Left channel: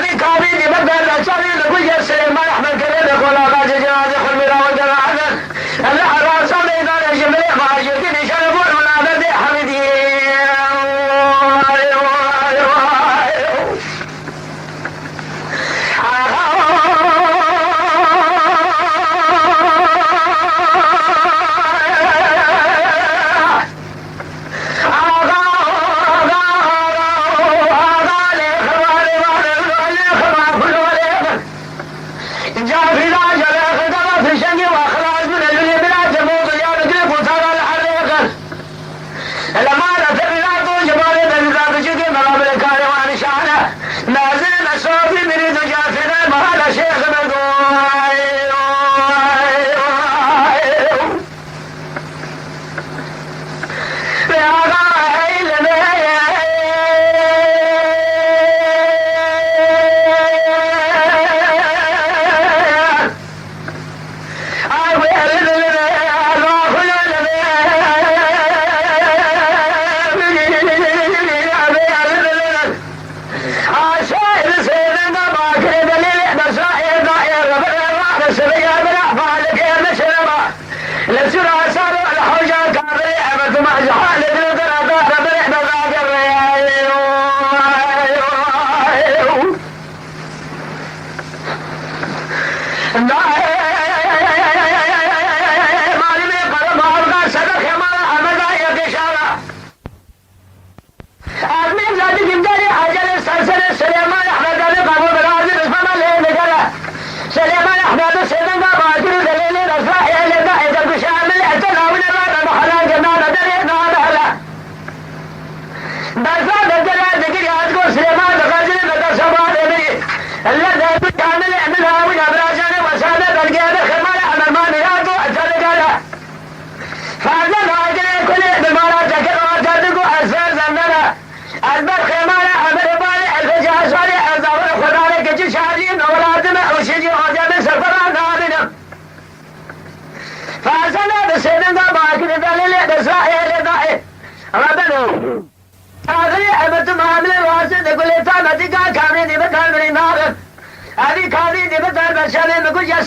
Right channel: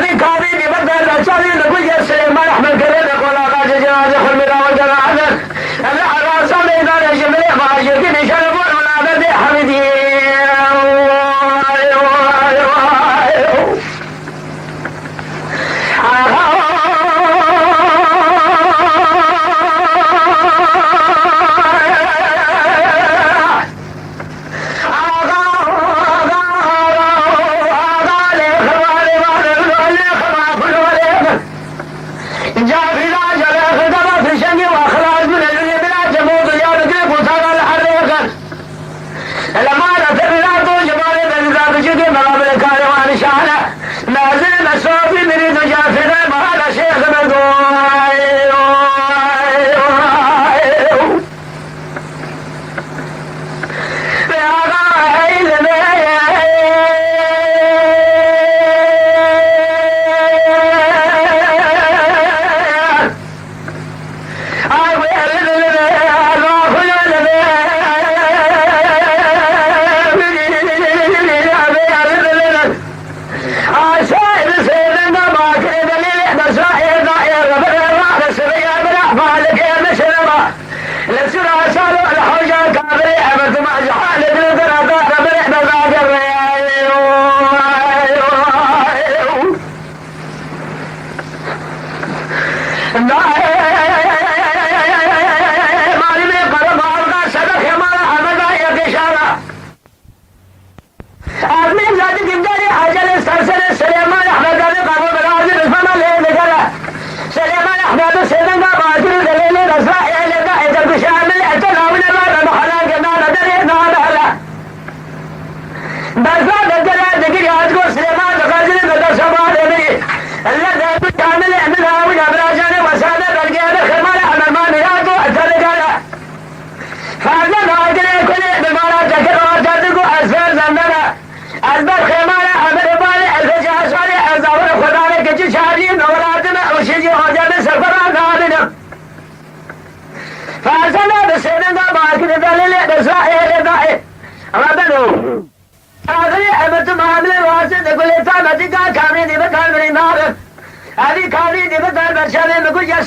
هذه كابي دي بدل أشاري نقول يا سليمان أحمد كريم يقول أغاز جنازة خل ملا وجنازة أنا أغاز صلي إذا جبريل ما أجيكني شربون ولا بدي حمدي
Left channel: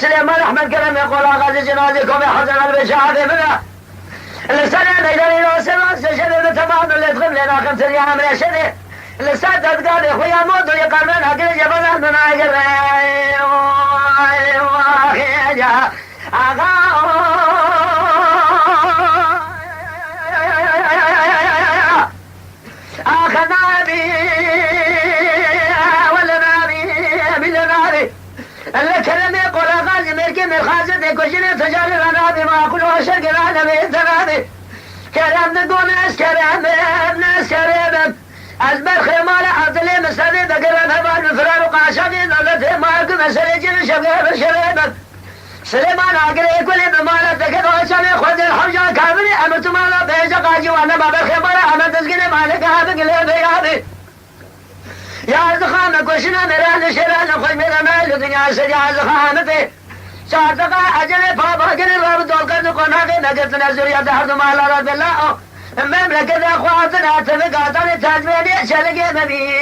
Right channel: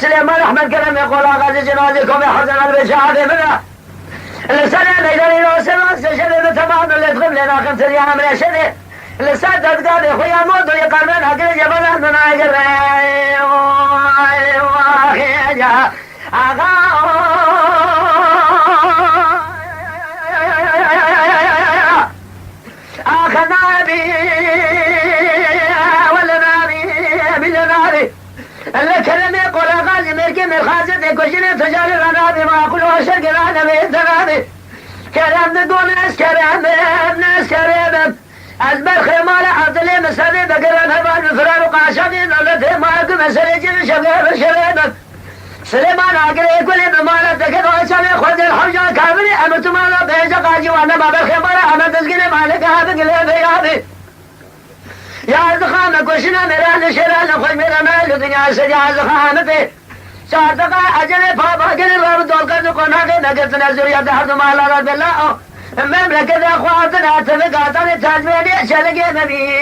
سليمان أحمد كلام يقول أغاز جنازكم يا حسن البشاهد منها لسنة نقدر يوصل سجل بتمام اللي تغم لنا 5 أيام يا شدي لسنة تقال يا أخويا موت ويقرن أقل جبل من أجل أخذنا بي ولا ناري بجناري اللي كلمة يقول أغازي ملكي من خازد كشني تجاري لنا بما أقوله شرق لنا بإنتغاني كلام نقول ناس كريم أزبر خيمالة عطلي مسادي بقرن هبال بفرار وقاشقين نولته ماركو مسرجين شباب شريبا سليمان عقلي يقول بمالة تكد وشاني خذ الحوجة كاملي أمرت مالا بيجا قاجي وانا باب الخيمالة أنا تسقيني مالك هذا قلي بيادي يا زخانة كشنا مران شران خوي میرا مال دنیا سے يا زخانتي شارتقا اجل بابا قل باب دول قد كنا نقت نزر يا دهر مال رب الله المملكة اخواتنا تلقاتني تاجمني شلقي نبي